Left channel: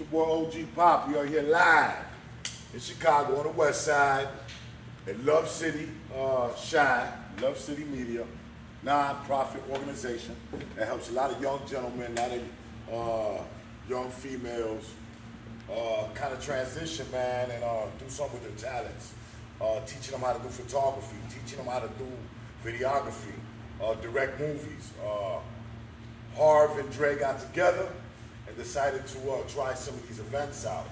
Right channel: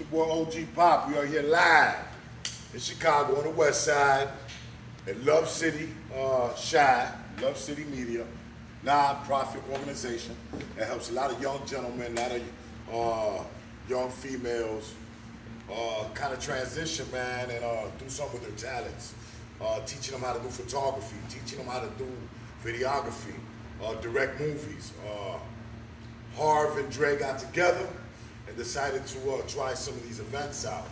your boy OG Pop. We are here live in Chicago on the west side at Love City Shine, Love City Media, non-profit organization that helps a lot of young gentlemen, a lot of young females kind of transition, man, and do something with their talents. Teaching them how to do photography, teaching them how to do videography, direct movies. Harv and Dre got together and decided to try some of these events out.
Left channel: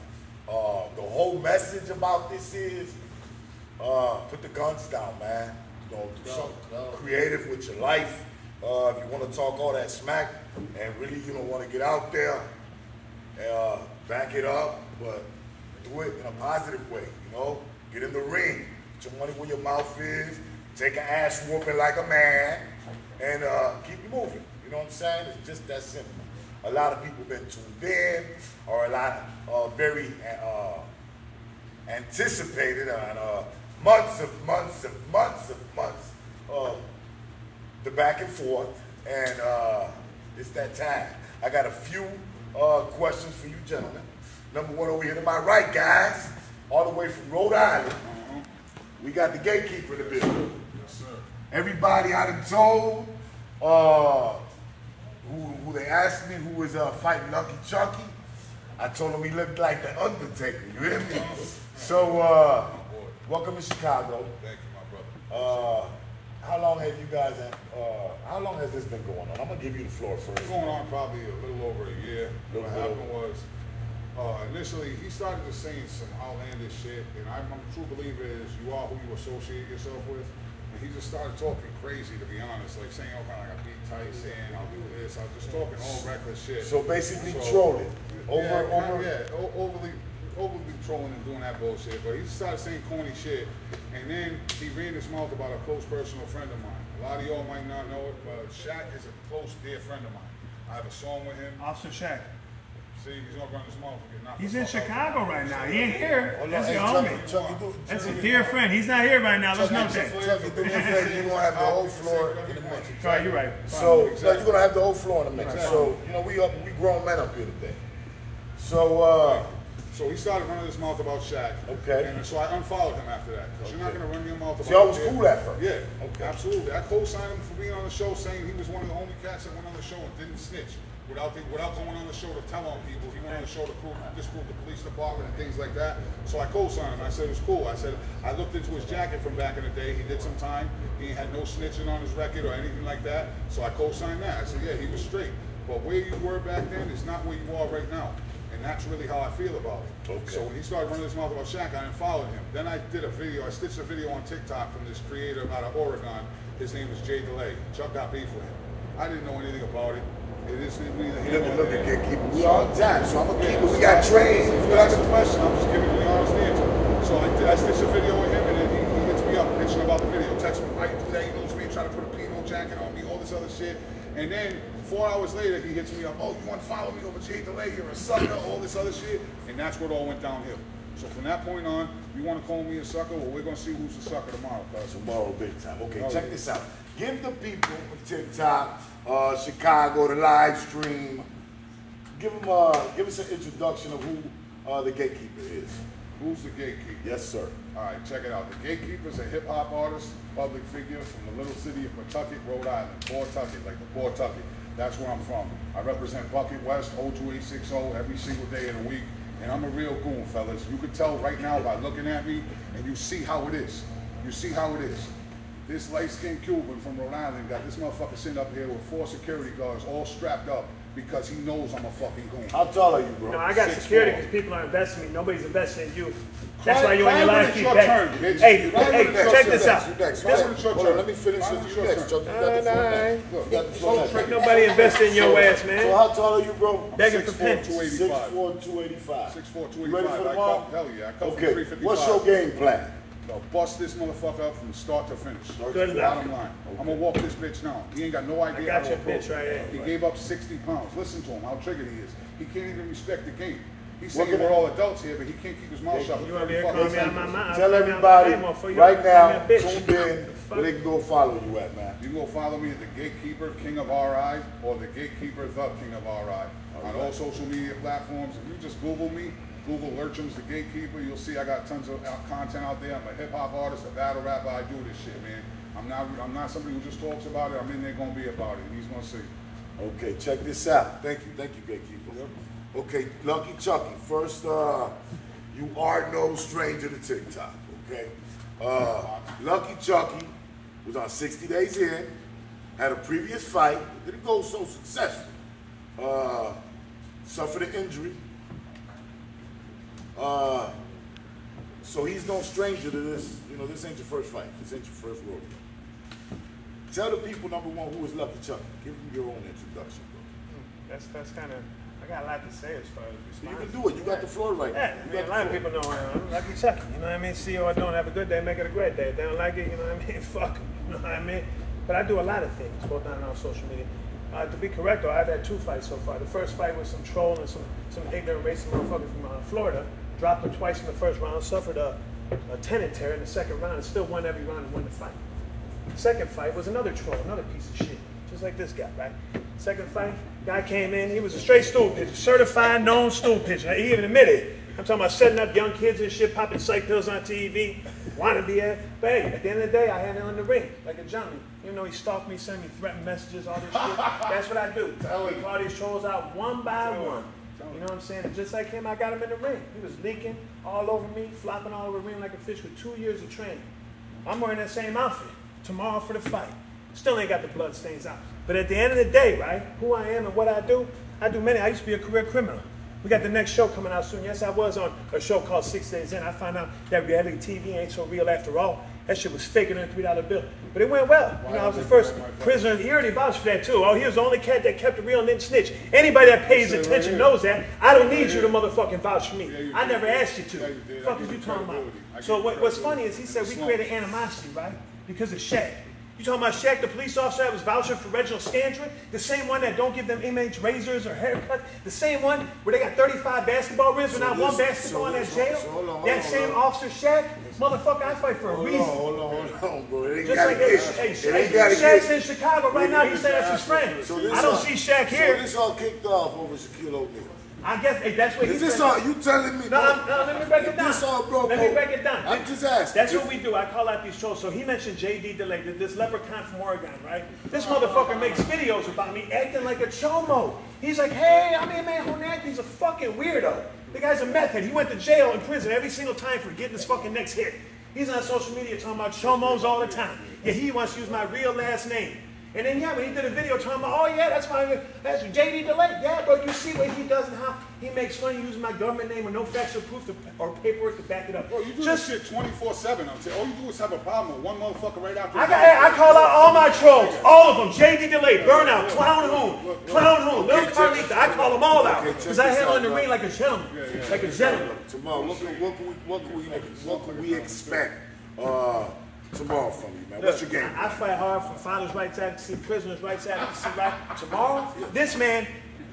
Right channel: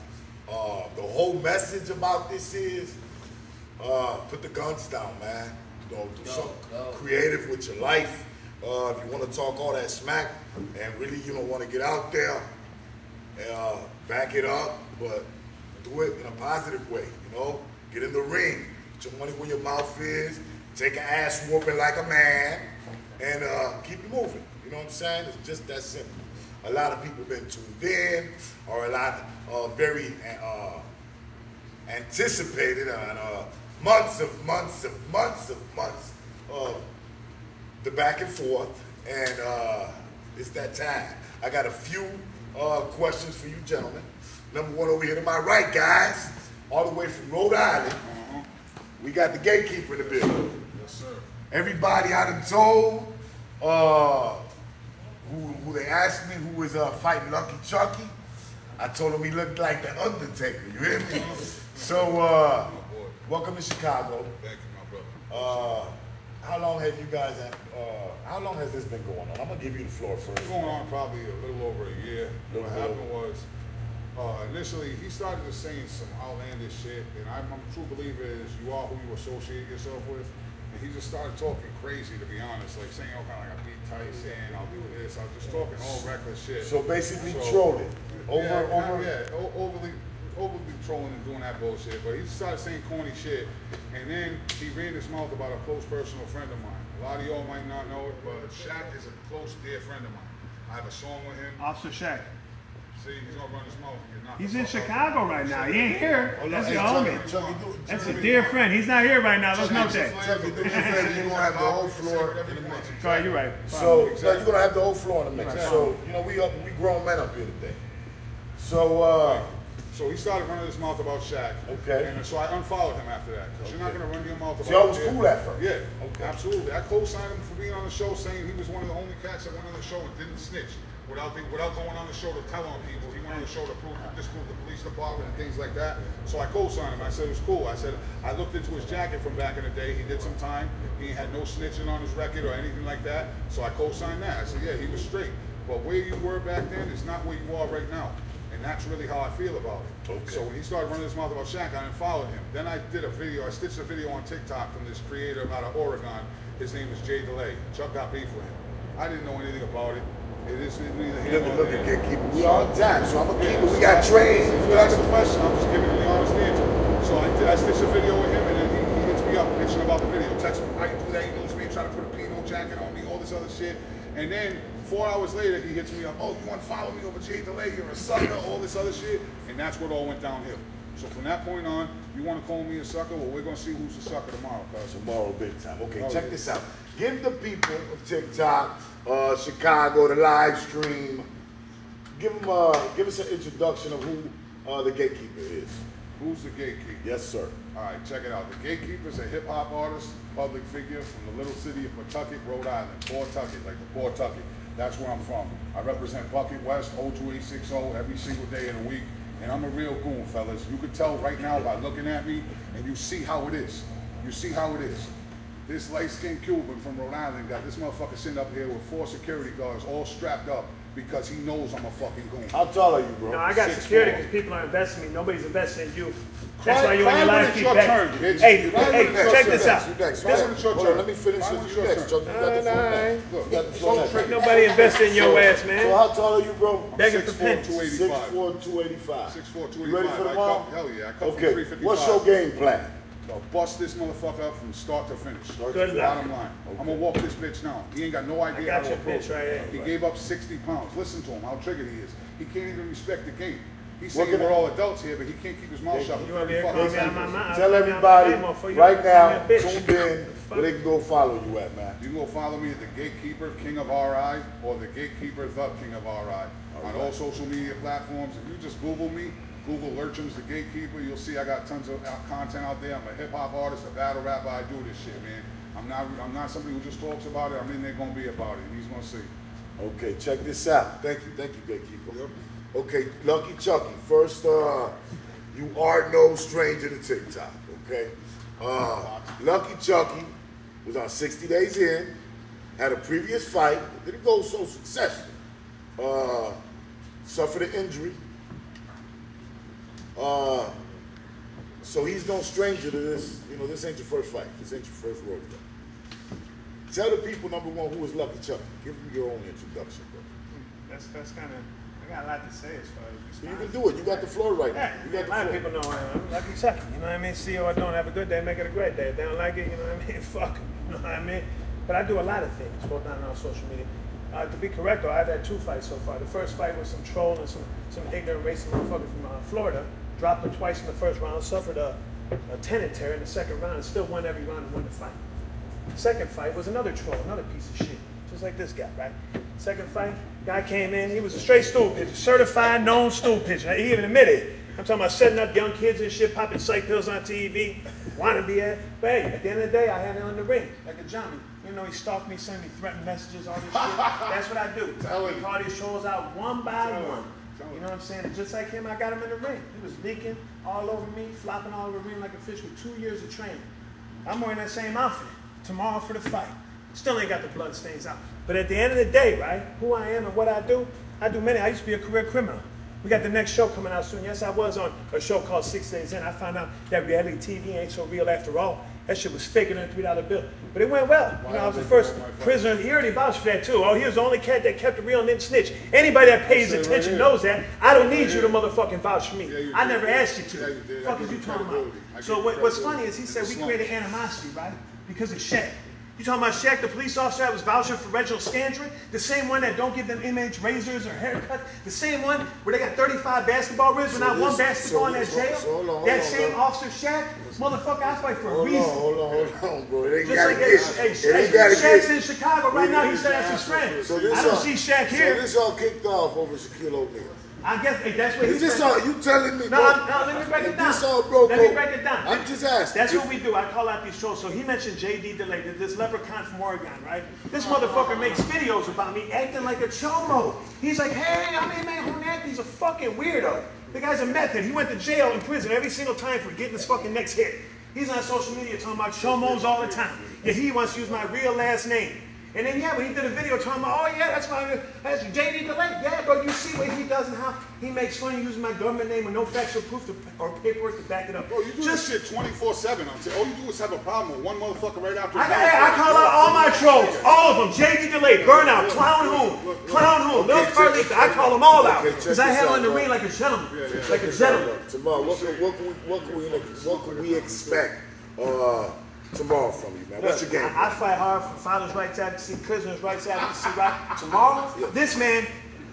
The whole message about this is put the guns down, man. You know, do something creative with your life. If you want to talk all that smack and really, you know, want to get out there, back it up, but do it in a positive way, you know? Get in the ring, put your money where your mouth is, take an ass whooping like a man, and keep it moving. You know what I'm saying? It's just that simple. A lot of people been tuned in, or a lot of very anticipated on months of the back and forth, and it's that time. I got a few questions for you gentlemen. Number one over here to my right, guys, all the way from Rhode Island. We got the gatekeeper in the building. Yes, sir. Everybody I done told, who they asked me who was fighting Lucky Chucky, I told them he looked like the Undertaker, you hear me? So, welcome to Chicago. Thank you, my brother. How long have you guys, how long has this been going on? I'm gonna give you the floor first. It's going on probably a little over a year. What happened was, initially he started just saying some outlandish shit, and I'm a true believer is you are who you associate yourself with. And he just started talking crazy, to be honest, like saying, okay, I got beat Tyson, I'll do this, I was just talking all reckless shit. So basically trolling. Overly trolling and doing that bullshit, but he started saying corny shit, and then he ran his mouth about a close personal friend of mine. A lot of y'all might not know it, but Shaq is a close, dear friend of mine. I have a song with him. Officer Shaq. See, he's gonna run his mouth and get knocked. He's in Chicago right now. He ain't here. That's your homie. Chucky, That's a dear friend. He's not here right now. Let's note that. Chucky, do me a favor, you're gonna have the whole floor in the mix. Right, you're right. So, you're gonna have the whole floor in the mix. So, you know, we grown men up here today. So he started running his mouth about Shaq. Okay. And so I unfollowed him after that. Because you're not going to run your mouth about So y'all was cool at first? Yeah. Okay. Absolutely. I co-signed him for being on the show, saying he was one of the only cats that went on the show and didn't snitch. Without going on the show to tell on people. He went on the show to disprove the police department and things like that. So I co-signed him. I said it was cool. I said, I looked into his jacket from back in the day. He did some time. He had no snitching on his record or anything like that. So I co-signed that. I said, yeah, he was straight. But where you were back then is not where you are right now. And that's really how I feel about it. Okay. So when he started running his mouth about Shaq, I unfollowed him. Then I did a video, I stitched a video on TikTok from this creator out of Oregon. His name is Jay DeLay. Chuck got beef with him. I didn't know anything about it. It is neither here nor there. Gatekeeper. We all Jack, so I'm gonna keep it. We got trained. If you ask a question, I'm just giving you the honest answer. So I stitched a video with him, and then he hits me up, bitching about the video. Text me, why you do that? He knows me, trying to put a Pino jacket on me, all this other shit. And then 4 hours later, he hits me up, oh, you want to follow me over Jay DeLay, you're a sucker, all this other shit. And that's what all went downhill. So from that point on, you want to call me a sucker? Well, we're going to see who's the sucker tomorrow, cuz. Tomorrow, big time. Okay, check this out. Give the people of TikTok, Chicago, the live stream, give us an introduction of who the gatekeeper is. Who's the gatekeeper? Yes, sir. All right, check it out. The gatekeeper is a hip-hop artist, public figure from the little city of Pawtucket, Rhode Island. Pawtucket, like the Pawtucket. That's where I'm from. I represent Bucket West, 02860, every single day of the week. And I'm a real goon, fellas. You can tell right now by looking at me, and you see how it is. You see how it is. This light-skinned Cuban from Rhode Island got this motherfucker sitting up here with 4 security guards all strapped up because he knows I'm a fucking goon. How tall are you, bro? No, I got security because people are investing in me. Nobody's investing in you. That's why you ain't allowed to keep turn. Hey, check this out. Hold on, let me finish with you next, Chuck. Nobody invested in your ass, man. So how tall are you, bro? Begging for pennies. 6'4", 285. 6'4", 285. You ready for tomorrow? Hell yeah, I come from Okay, 355. what's your game plan? Bust this motherfucker up from start to finish. Good luck. Bottom line. I'm gonna walk this bitch down. He ain't got no idea how to approach. Right here. He gave up 60 pounds. Listen to him, how triggered he is. He can't even respect the game. He's saying we're all adults here, but he can't keep his mouth shut. Tell everybody right now, tuned in, where they can go follow you at, man. You can go follow me at The Gatekeeper, King of RI, or The Gatekeeper, The King of RI. On all social media platforms. If you just Google me, Google Lurchums, The Gatekeeper, you'll see I got tons of content out there. I'm a hip hop artist, a battle rapper. I do this shit, man. I'm not somebody who just talks about it. I'm in there gonna be about it. He's gonna see. Okay, check this out. Thank you, Gatekeeper. Yep. Okay, Lucky Chucky. First, you are no stranger to TikTok. Okay, Lucky Chucky was on 60 Days In, had a previous fight, didn't go so successful. Suffered an injury. So he's no stranger to this. You know, this ain't your first fight. This ain't your first rodeo. Tell the people, number one, who is Lucky Chucky. Give them your own introduction, bro. That's kind of, I got a lot to say as far as you can do it. You got the floor right now. Yeah, a lot of people know Lucky Chucky. You know what I mean? See or don't have a good day, make it a great day. If they don't like it, you know what I mean? Fuck them. You know what I mean? But I do a lot of things, both on social media. To be correct, though, I've had 2 fights so far. The first fight was some troll and some ignorant racist motherfucker from Florida. Dropped him twice in the first round, suffered a tendon tear in the second round, and still won every round and won the fight. The second fight was another troll, another piece of shit, just like this guy, right? Second fight, guy came in, he was a straight stool pitcher, certified known stool pitcher. He even admitted it. I'm talking about setting up young kids and shit, popping psych pills on TV, wanting to be at. But hey, at the end of the day, I had it on the ring, like a Johnny. You know, he stalked me, sent me threatening messages, all this shit. That's what I do. We call these trolls out one by one. You know what I'm saying? And just like him, I got him in the ring. He was leaking all over me, flopping all over the ring like a fish with 2 years of training. I'm wearing that same outfit tomorrow for the fight. Still ain't got the blood stains out. But at the end of the day, right, who I am and what I do many. I used to be a career criminal. We got the next show coming out soon. Yes, I was on a show called 6 Days In. I found out that reality TV ain't so real after all. That shit was faker than a $3 bill. But it went well. You know, I was the first prisoner. He already vouched for that too. Oh, he was the only cat that kept it real and didn't snitch. Anybody that pays attention knows that. I don't need you to motherfucking vouch for me. I never asked you to. Fuck is you talking about? So what's funny is he said we created animosity, right? Because of Shaq. You talking about Shaq, the police officer that was vouching for Reginald Scandrick? The same one that don't give them inmates razors or haircuts? The same one where they got 35 basketball ribs and not one basketball in that jail? That same officer Shaq? Motherfucker, I fight for a reason. Hold on, bro. It ain't Just gotta like get. Shaq's in Chicago right now. He said that's his friend. I don't see Shaq here. So this all kicked off over Shaquille O'Neal. I guess that's what Is this all you telling me? No, let me break it down. This all broke. Let me break it down. I'm just asking. That's what we do. I call out these shows. So he mentioned JD DeLay, this leprechaun from Oregon, right? This motherfucker makes videos about me acting like a chomo. He's like, hey, I'm man Honette. He's a fucking weirdo. The guy's a method. He went to jail and prison every single time for getting his fucking next hit. He's on social media talking about chomos all the time. Yeah, he wants to use my real last name. And then, yeah, when he did a video talking about, oh, yeah, that's JD DeLay. Yeah, bro, you see what he does and how he makes fun using my government name with no factual proof or paperwork to back it up. Bro, you do this shit 24/7. All you do is have a problem with one motherfucker right after. I call out all my trolls, all of them. JD DeLay, Burnout, Clown Hoon, Lil Carlita. I call them all out because I had on the ring like a gentleman, like a gentleman. Tomorrow, what can we expect tomorrow from you, man? What's your game? I fight hard for fathers' rights advocacy, prisoners' rights advocacy. Right? Tomorrow, this man,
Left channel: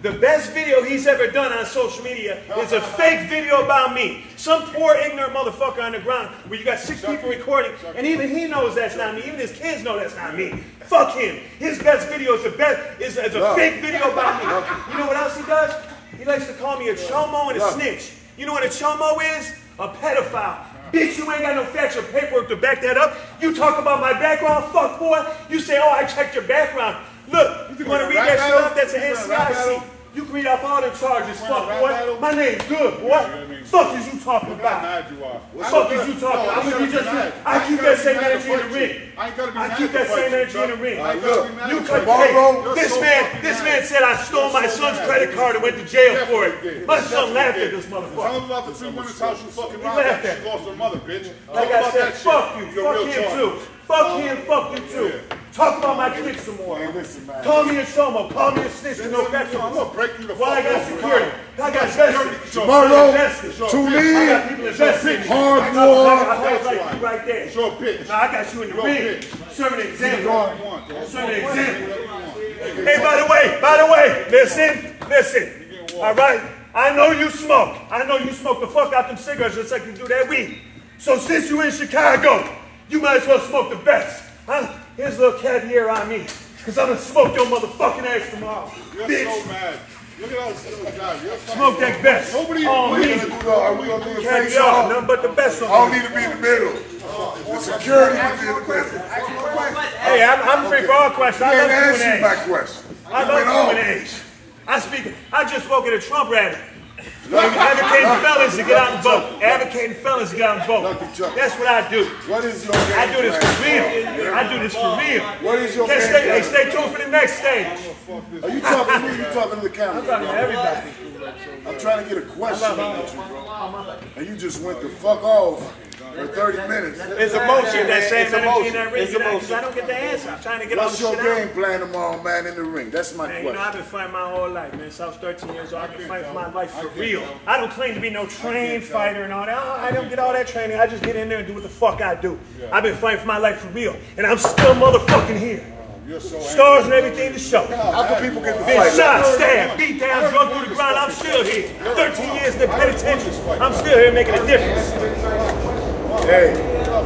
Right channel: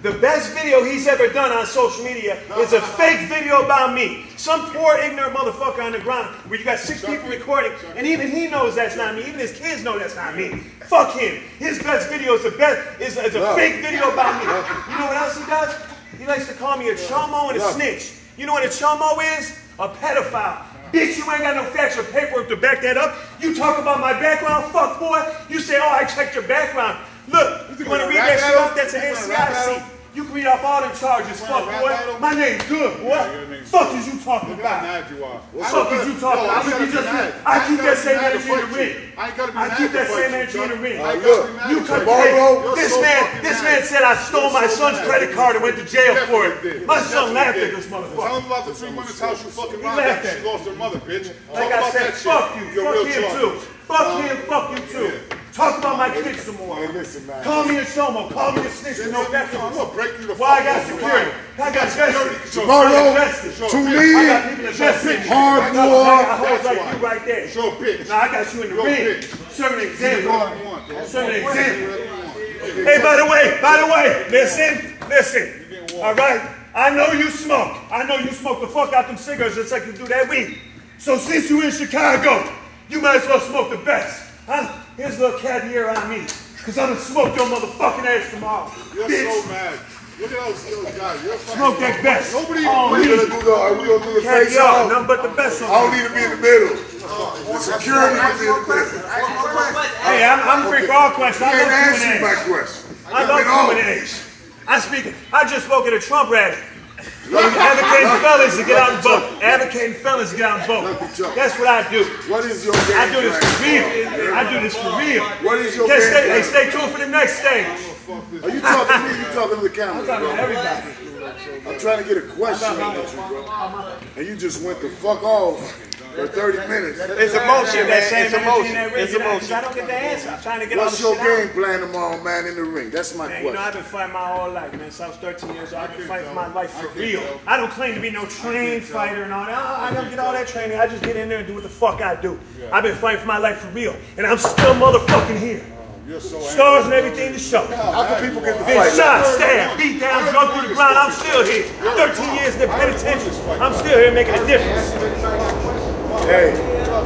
the best video he's ever done on social media is a fake video about me. Some poor ignorant motherfucker on the ground where you got 6 people recording, and even he knows that's not me. Even his kids know that's not me. Fuck him. His best video is a fake video about me. You know what else he does? He likes to call me a chomo and a snitch. You know what a chomo is? A pedophile. Bitch, you ain't got no facts or paperwork to back that up. You talk about my background, fuck boy. You say, oh, I checked your background. Look, you want to read that shit off? That's an NCIC. You can read off all the charges, fuck boy. My name's good, boy. Fuck is you talking about? Fuck is you talking about? I keep that same energy in the ring. I keep that same energy in the ring. You could this man said I stole my son's credit card and went to jail for it. My son laughed at this motherfucker. Tell him about the 3 women's house you fucking robbed after she lost her mother, bitch. Like I said, fuck you. Fuck him too. Fuck him, fuck you too. Talk about my kids some more. Hey, listen, man. Call me a Shomo. Call me a snitch. No facts. I'm gonna break you the fuck. Why I got security? I got justice. Tomorrow, to me, I got people invested. hard I war. hold like you right there. Show a bitch. Now I got you in the ring. Serving an example. Serving an example. Hey, by the way, listen. All right. I know you smoke. I know you smoke the fuck out them cigarettes just like you do that weed. So since you in Chicago, you might as well smoke the best. Huh? Here's a little caviar on me. Cause I'm gonna smoke your motherfucking ass tomorrow. You're bitch. so mad. Look at those guys. You're Smoke that best. Nobody Oh, Are we gonna do the face caviar, off? nothing but the best I on don't me. need to be in the middle. The security will be in the middle. Hey, I'm free for all questions. You I ain't love answering my Q&A. question. I love Q&A. I just spoke at a Trump rally. Advocating fellas to get out and vote. Advocating fellas to get out and vote. That's what I do. What is your game I do this for plan? real. I do this for real. What is your Can't game stay, plan? hey, stay tuned for the next stage. Are you talking to me or you talking to the camera? I'm talking to everybody. I'm trying to get a question out of you, bro. And you just went the fuck off for 30 minutes. It's emotion, man. It's emotion. It's emotion. I don't get the answer. I'm trying to get all What's the your shit out. game plan tomorrow, man, in the ring? That's my Man, you know, question. I've been fighting my whole life, man. Since I was 13 years old, I've been fighting for my life for real. I don't claim to be no trained fighter and all that. I don't get all that training. I just get in there and do what the fuck I do. I've been fighting for my life for real. And I'm still motherfucking here. You're so Scars and everything to show. How can people get the Been fight? shot, stabbed, beat down, drunk through the ground. I'm still here. 13 years in the penitentiary. I'm still here making a difference. Hey,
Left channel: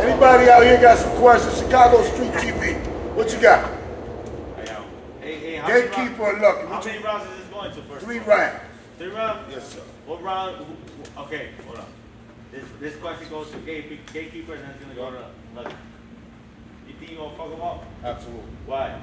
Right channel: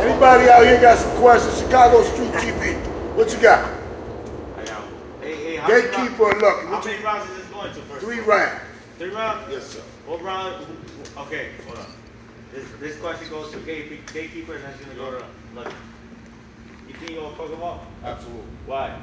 anybody out here got some questions? Chicago Street TV. What you got? Hey, Gatekeeper or Lucky? How many rounds is this going to first? 3 rounds. 3 rounds? Yes, sir. What round? Okay, hold on. This question goes to Gatekeeper and then it's going to go to Lucky. You think you're going to fuck him up? Absolutely. Why?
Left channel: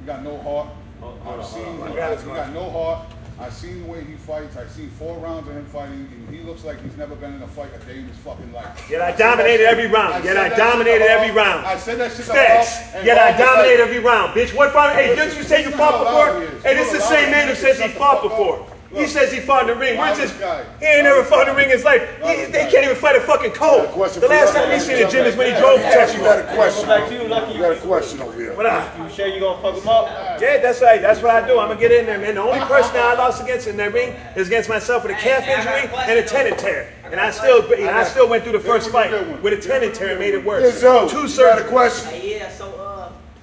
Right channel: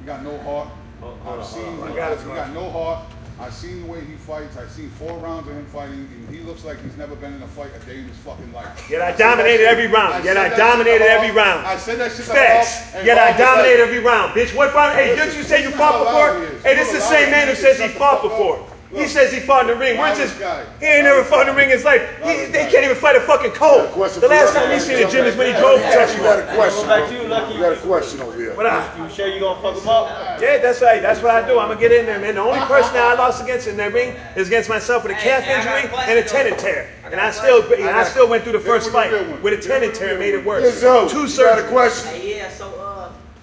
You got no heart. Hold I've on, seen hold on. he got no heart. I've seen the way he fights. I've seen 4 rounds of him fighting, and he looks like he's never been in a fight a day in his fucking life. Yet I dominated every round. Yet I dominated every round. I said that shit to Facts. Bob, and Yet Bob I was dominated like, every round, bitch. What fight? Hey, didn't you say you fought before? Hey, this is the same man who says he fought before. He says he fought in the ring. Where's this? He ain't never fought in the ring in his life. They can't even fight a fucking cold. The last time we seen the gym is when he drove to You Texas. got a question. Back to you, Lucky. You got a question over here. What up? You sure you going to fuck him up? Yeah, that's right. That's what I do. I'm gonna get in there, man. The only person I lost against in that ring is against myself with a calf injury and a tendon tear. And I still went through the first fight with a tendon tear and made it worse. Yes, yo, 2 you got a surgeries. question? Hey, yeah, so,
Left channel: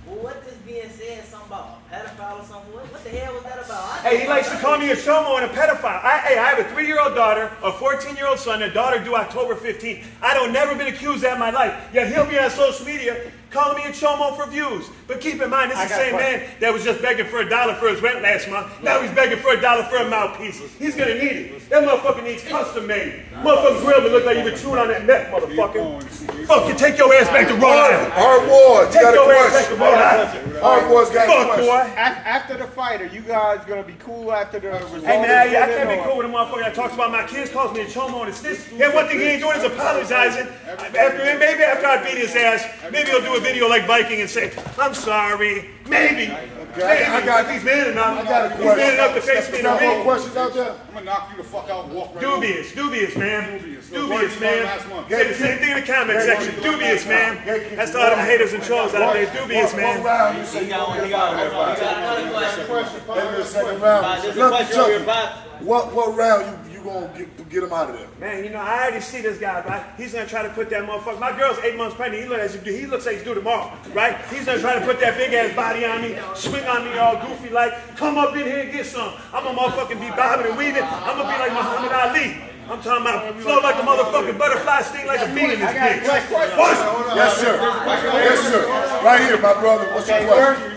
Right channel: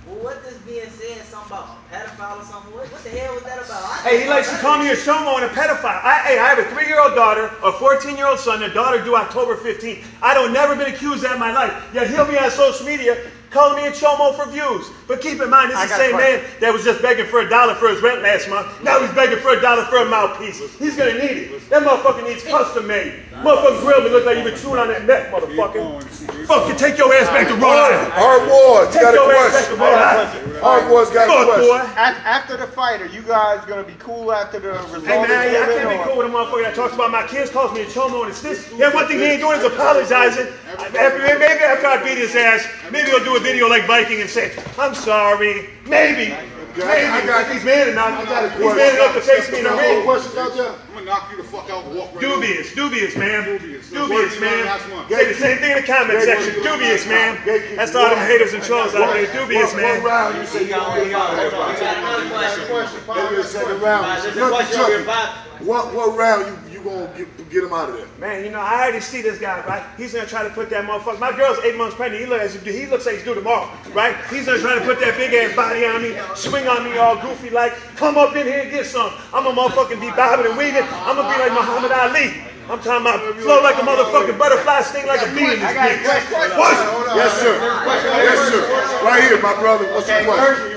what this being said, something about pedophile or something, what the hell was that about? Hey, he likes to call me a chomo and a pedophile. I have a 3-year-old daughter, a 14-year-old son, a daughter due October 15th. I don't never been accused of that in my life. Yet he'll be on social media calling me a chomo for views. But keep in mind, this is the same man that was just begging for $1 for his rent last month. Now he's begging for $1 for a mouthpiece. He's gonna need it. That motherfucker needs custom made. Motherfucker grill me look like you been chewing on that neck, motherfucker. Fucking take your ass back to Rhode Island. Hard Wars, you Take got a your ass back to question. Rhode Island. Hard Wars got a Fuck, question. boy. After the fight, are you guys gonna be cool after the result? Hey man, I is given, can't be or- cool with a motherfucker that talks about my kids, calls me a chomo and it's this. And one thing he ain't doing is apologizing. Maybe after I beat his ass, maybe he'll do a video like Viking and say, I'm sorry. Maybe. I got- If he's man enough. I got a He's man question. enough to face me in the Got more ring. questions out there? I'm gonna knock you the fuck out and walk right over. Dubious, man. Dubious. Dubious, man. Last one. Say the same thing in the comment section. Dubious, man. That's all them haters and trolls out there. Dubious, One man. round, you said you got gonna get another fired. Another question. Maybe the second round. There's a Look, question over Chucky, your back. what round you gonna get him out of there? Man, you know, I already see this guy, right? He's gonna try to put that motherfucker. My girl's 8 months pregnant. He looks like he's due tomorrow, right? He's gonna try to put that big ass body on me, swing on me all goofy like, come up in here and get some. I'm gonna motherfucking be bobbing and weaving. I'm gonna be like Muhammad Ali. I'm talking about flow like a motherfucking butterfly, sting like a bee in this bitch. Yes, sir. Yes, sir. Right here, my brother. What's your question?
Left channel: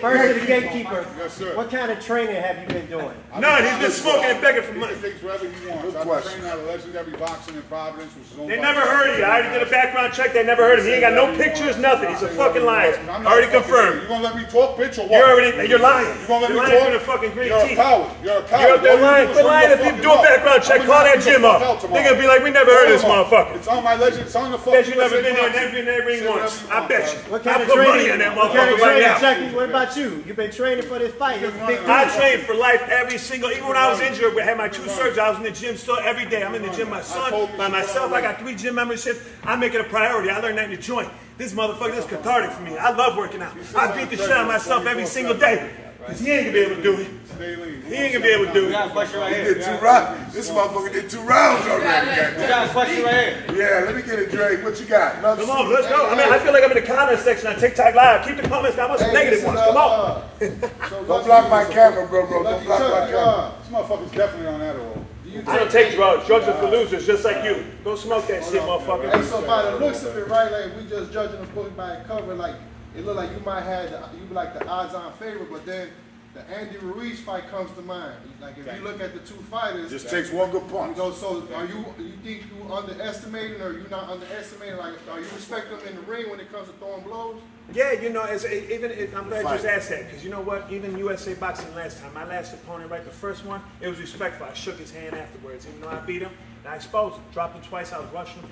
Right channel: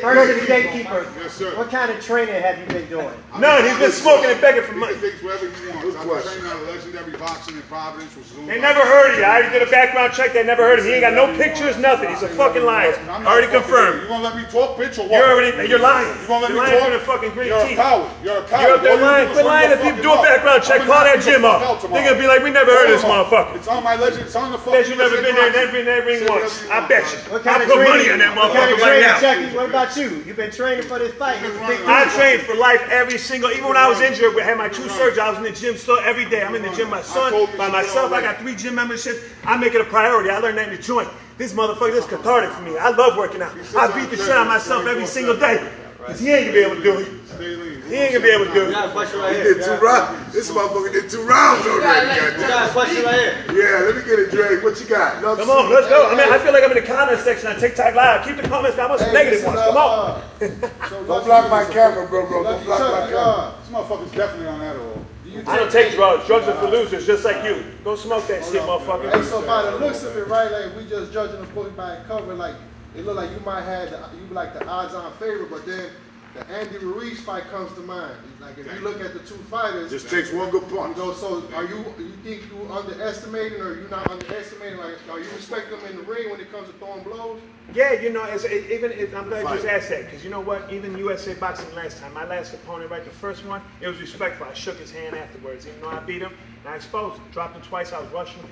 First to the gatekeeper, Yes, sir. what kind of training have you been doing? None. He's been smoking and begging for He money. can think wherever he wants. Good I've question. been training at a legendary boxing in Providence, which is owned They by- never heard of you. I already did a background check. They never heard of him. He ain't got no pictures, nothing. He's a fucking liar. I'm not Already fucking- confirmed. You gonna let me talk, bitch, or what? You're lying. You gonna let me You're lying talk? through the fucking gritty You're a teeth. coward. You're a coward. You're lying. Quit lying if you do a background check. Call that gym up. They're gonna be like, we never heard of this motherfucker. It's on my legend. It's on the fucking. That you never been there, never been there ring once. I bet you. What kind I of put training? money on that What kind motherfucker of right training, now. Chucky? What about you? You've been training for this fight. It's a big I deal. trained for life every single, even when I was injured, we had my 2 surgeries, I was in the gym still every day. I'm in the gym, my son, by myself, I got 3 gym memberships. I make it a priority. I learned that in the joint. This motherfucker, this is cathartic for me. I love working out. I beat the shit out of myself every single day. Because he ain't gonna be able to do it. Stay lean. He ain't gonna be able to do We got a it. question right He here. did 2 rounds. This motherfucker did 2 rounds already. We got a question right here. Yeah, let me get it, Dre. What you got? Love Come on, let's go. I mean, I feel like I'm in the comment section on TikTok Live. Keep the comments down. I want some negative ones. Come on. Don't block my camera, bro. Don't Lucky block my Chuck, camera. this motherfucker's definitely on that roll. I don't take drugs. Drugs are for losers, just like you. Go smoke that shit, motherfucker. Hey, so by the looks of it, right, like we just judging the book by the cover, like it look like you might have you like the odds-on favorite, but then the Andy Ruiz fight comes to mind. Like if you look at the 2 fighters, Just takes one good you punch. know, so are you think you underestimating or you not underestimating? Like, are you respect them in the ring when it comes to throwing blows? Yeah, you know, even if I'm glad you just asked that, because you know what? Even USA Boxing last time, my last opponent, right, the first one, it was respectful. I shook his hand afterwards, even though I beat him, and I exposed him. Dropped him twice, I was rushing.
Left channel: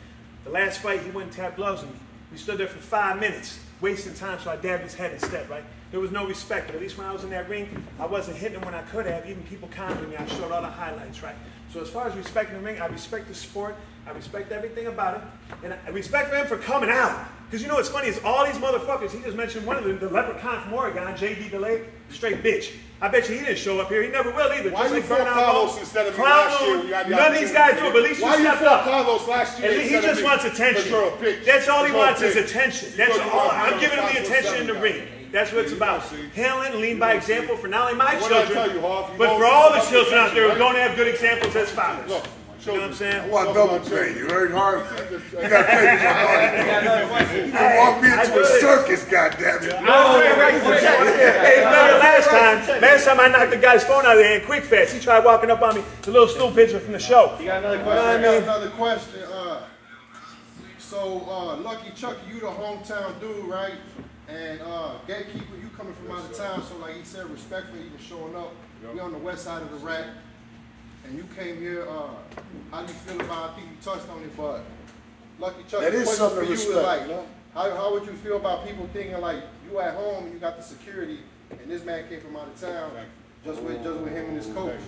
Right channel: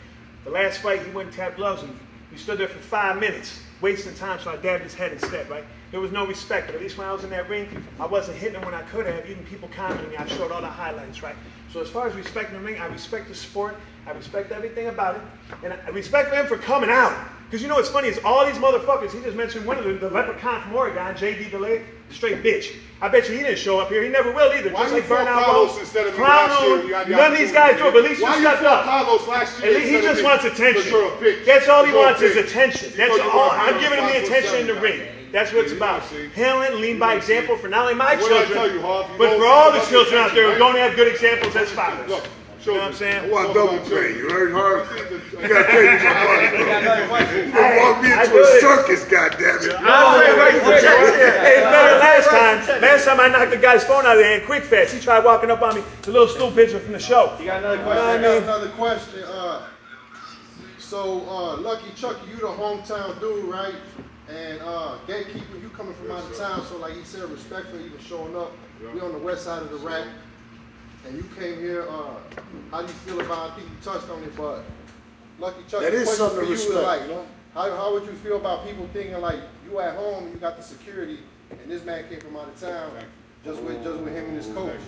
The last fight, he went and tapped gloves, and we stood there for 5 minutes, wasting time, so I dabbed his head instead, right? There was no respect, but at least when I was in that ring, I wasn't hitting him when I could have. Even people commenting me, I showed all the highlights, right? So as far as respecting the ring, I respect the sport, I respect everything about it, and I respect him for coming out. Because you know what's funny is all these motherfuckers, he just mentioned one of them, the leprechaun from Oregon, J.D. DeLay, straight bitch. I bet you he didn't show up here. He never will either. Why just you like fought Bernard Carlos Ball. instead of me last year when you had the None of these guys do it, but at least Why you you stepped fought up. Carlos last year? At least he instead of just me? wants attention. Because you're a bitch. That's all he You're a wants is bitch. attention. That's Because all. you're I'm a giving him the 5'7" attention in the guy. ring. That's what it's about. Handling, lead by example for not only my What did I children, tell you, Hoff? You but know for all the it's children out there who right? don't have good examples as fathers. Look, You know what I'm saying? I want double pay. You heard, Harv? You gotta pay me my money, We got bro. another question. You gonna walk me I into do a it. circus, goddammit. Hey, remember last time I knocked the guy's phone out of there in quick fast. He tried walking up on me, the little stool pigeon from the show. You got another I question? got another question. Lucky Chuck, you the hometown dude, right? And Gatekeeper, you coming from out of town, so like he said, respect for even showing up. We on the west side of the rack, and you came here. How do you feel about? I think you touched on it, but Lucky Chuck, That the is question something for to you is respect, like, you know? how would you feel about people thinking like you at home and you got the security, and this man came from out of town, just with him and his coach?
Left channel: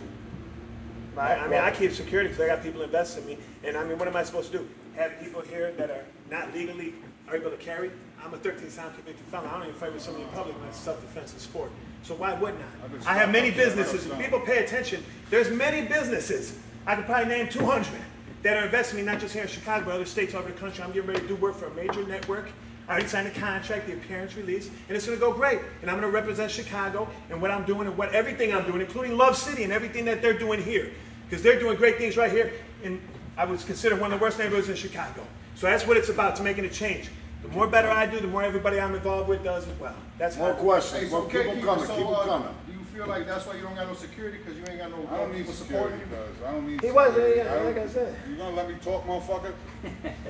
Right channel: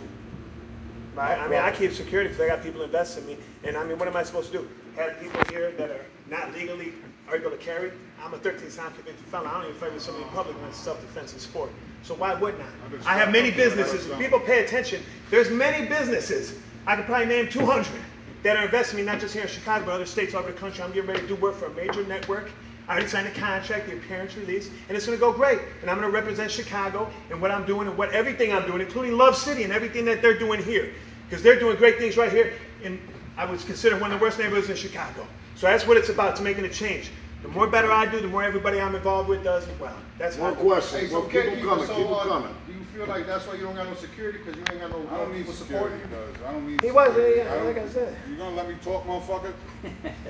I mean, I keep security because I got people invested in me. And I mean, what am I supposed to do? Have people here that are not legally able to carry? I'm a 13-time convicted felon. I don't even fight with somebody in public when it's self-defense in sport. So why wouldn't I? I have many businesses. If people pay attention, there's many businesses. I could probably name 200 that are investing in me, not just here in Chicago, but other states all over the country. I'm getting ready to do work for a major network. I already signed a contract, the appearance release, and it's going to go great. And I'm going to represent Chicago and what I'm doing and what everything I'm doing, including Love City and everything that they're doing here. Because they're doing great things right here. And I would consider one of the worst neighborhoods in Chicago. So that's what it's about, to making a change. The more better I do, the more everybody I'm involved with does as well. That's More how questions. Hey, so Well, keep them Gatekeeper, coming. Keep them coming. do you feel like that's why you don't got no security because you ain't got no I don't need people security, supporting you? because I don't need He was, security. yeah, like I said. You gonna let me talk, motherfucker?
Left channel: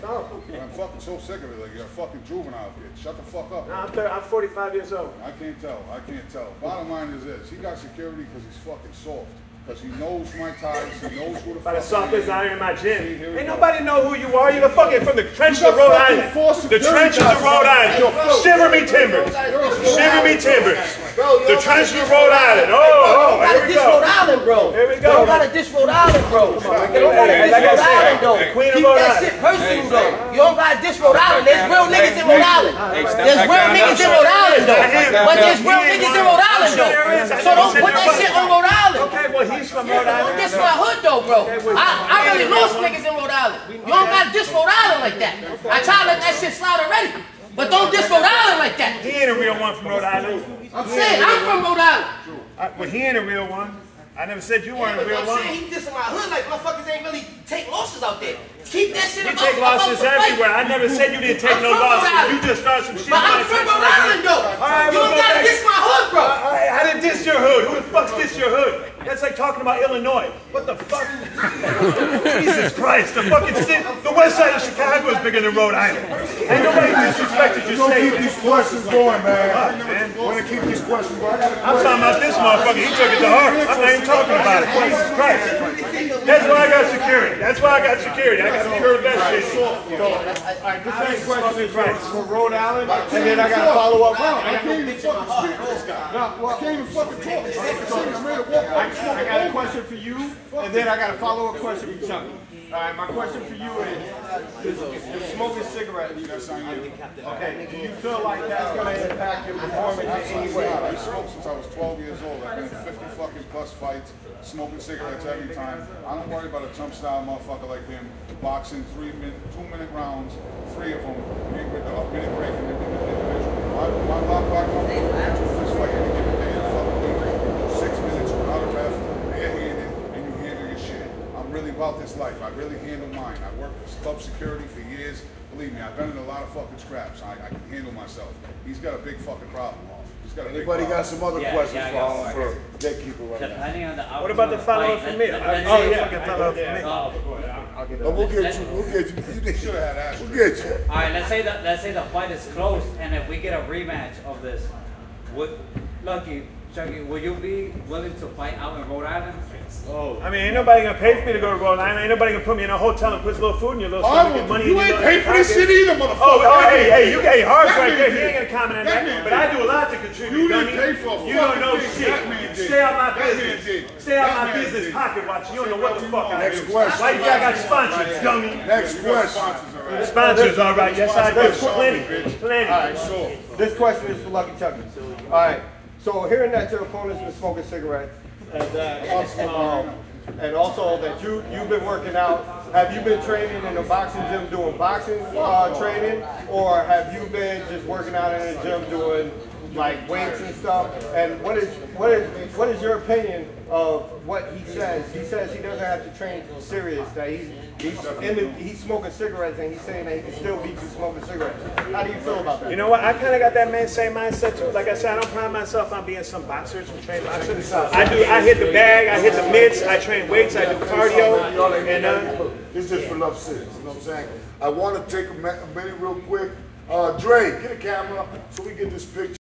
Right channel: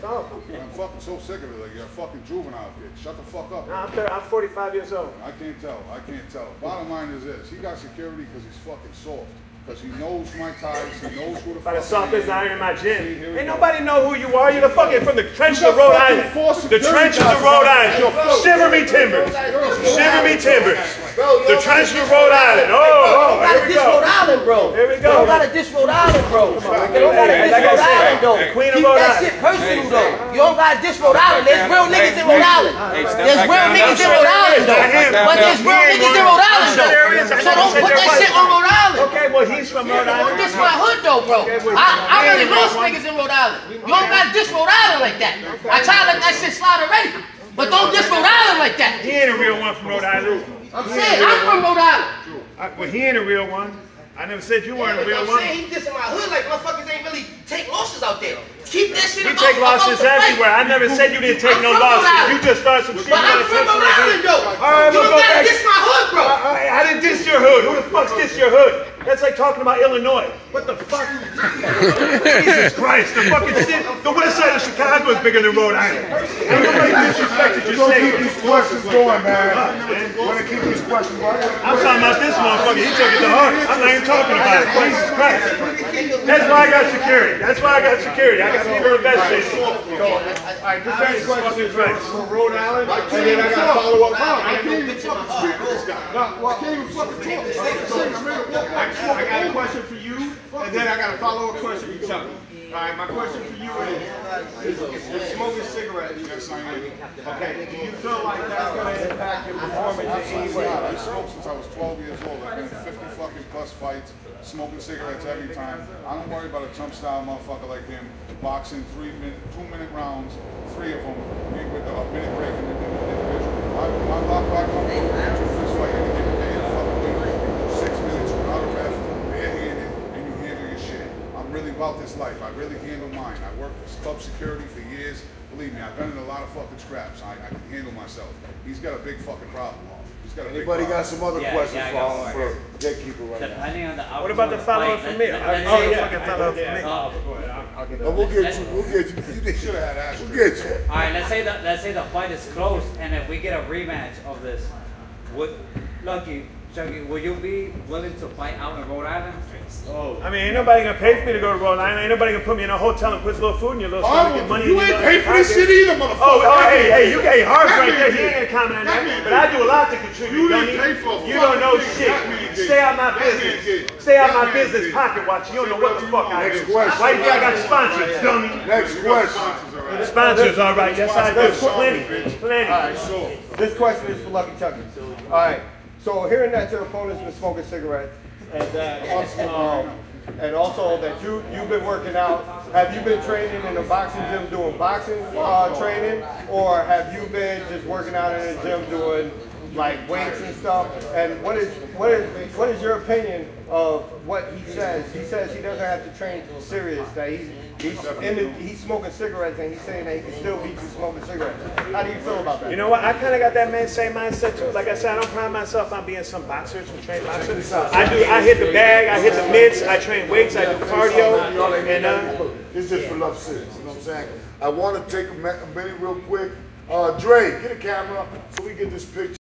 No, I'm fucking so sick of it. Like, you're a fucking juvenile kid. Shut the fuck up. I'm 45 years old. I can't tell. I can't tell. Bottom line is this. He got security because he's fucking soft. Because he knows my ties. He knows who the By fuck the softest I out am. here in my gym. See, here we Ain't go. nobody know who you are. You're the fucking from the trenches You of got Rhode fucking Island. four The security trenches of guys Rhode out there. Island. Shiver me timbers. Shiver me timbers. The trenches of Rhode Island. You Oh, gotta here we diss Rhode go. Island, bro. Here we You go. don't gotta diss Rhode Island, bro. You don't gotta diss Like I Rhode said, Island, though. the Queen of Keep Rhode that Island. shit personal, though. You don't gotta diss Rhode Island. There's real niggas in Rhode Island. There's real niggas in Rhode Island, though. But there's real niggas in Rhode Island, though. So don't put that shit on Rhode Island. Okay, well, he's from Rhode Don't Island. diss my hood, though, bro. I really lost niggas in Rhode Island. You don't gotta diss Rhode Island like that. I tried to let that shit slide already. But don't diss Rhode Island like that. He ain't a real one from Rhode Island. I'm saying, I'm from Rhode Island. Well, he ain't a real one. I never said you weren't a But real I'm one. saying he dissing my hood like motherfuckers ain't really take losses out there. Keep that shit You about take losses the fight. everywhere. I never said you didn't take I'm no from Rhode losses. Island. You just started some shit. But I'm from Rhode Island, though. All right, You well, don't gotta okay. diss my hood, bro. I didn't diss your hood. Who the fuck's diss your hood? That's like talking about Illinois. What the fuck? Jesus Christ. The fucking city, the west side of Chicago is bigger than Rhode Island. Ain't nobody disrespected We're your gonna keep state. these questions going, man. We're gonna keep these questions going. I'm talking about this motherfucker. He took it to heart. I'm not even talking about it. Jesus Christ. That's why I got security. That's why I got security. I got secure investigation. Alright, this next question is Right. from Rhode Island, and then I got a follow-up. I can't even fucking speak to this guy. I can't even fucking talk. I'm ready to walk I got a question for you, and then I got a follow-up question for Chuck. Alright, my question for you is if you're smoking cigarettes, Yes, I am. okay, do you feel like that's gonna impact your performance in any way? I smoked since I was 12 years old. I've been in 50 fucking plus fights, smoking cigarettes every time. I don't worry about a jump style motherfucker like him, boxing 2-minute rounds, 3 of them, me with a minute break from the individual. My lock back up, fist fight any fucking week, 6 minutes without a ref, barehanded, and you handle your shit. I'm really about this life. I really handle mine. I worked with club security for years. Believe me, I've been in a lot of fucking scraps. I can handle myself. He's got a big fucking problem. He's got a big Anybody problem. got some other questions for Gatekeeper right now? Depending on the What about the follow-up from me? Let's Oh, say- yeah, fucking follow-up from me. Oh, we'll get you. We'll get you. You Should have had Ashley. We'll get you. All right, let's say the fight is close, and if we get a rematch of this, Chucky, would you be willing to fight out in Rhode Island? I mean, ain't nobody gonna pay for me to go to Rhode Island. Ain't nobody gonna put me in a hotel and put a little food in your little stomach and money in You your ain't little pay for this pocket. shit either, motherfucker. Oh, hey, you gave Harv's That right man there. He did. ain't gonna comment on That that. man But I did. do a lot to contribute. You didn't dummy. pay for a You don't know fucking thing. shit. That man did. Stay out my That man business. did. Stay out That my man business. did. Pocket watch. You don't know what the fuck I Next do. question. Right there, I got sponsors, dummy. Next question. Sponsors, all right. Yes, I do. Plenty. Plenty. This question is for Lucky Chucky. Alright, so hearing that your opponent's been smoking cigarettes, and also that you've been working out, have you been training in a boxing gym doing boxing training, or have you been just working out in a gym doing like weights and stuff? And what is your opinion of what he says? He says he doesn't have to train serious, that he's smoking cigarettes, and he's saying that he can still beat you smoking cigarettes. How do you feel about that? You know what? I kind of got that same mindset too. Like I said, I don't pride myself on being some boxer, some trained boxer. I hit the bag, I hit the mitts, I train weights, I do cardio, and This is just for Love City. You know what I'm saying? I want to take a minute real quick. Dre, get a camera so we get this picture.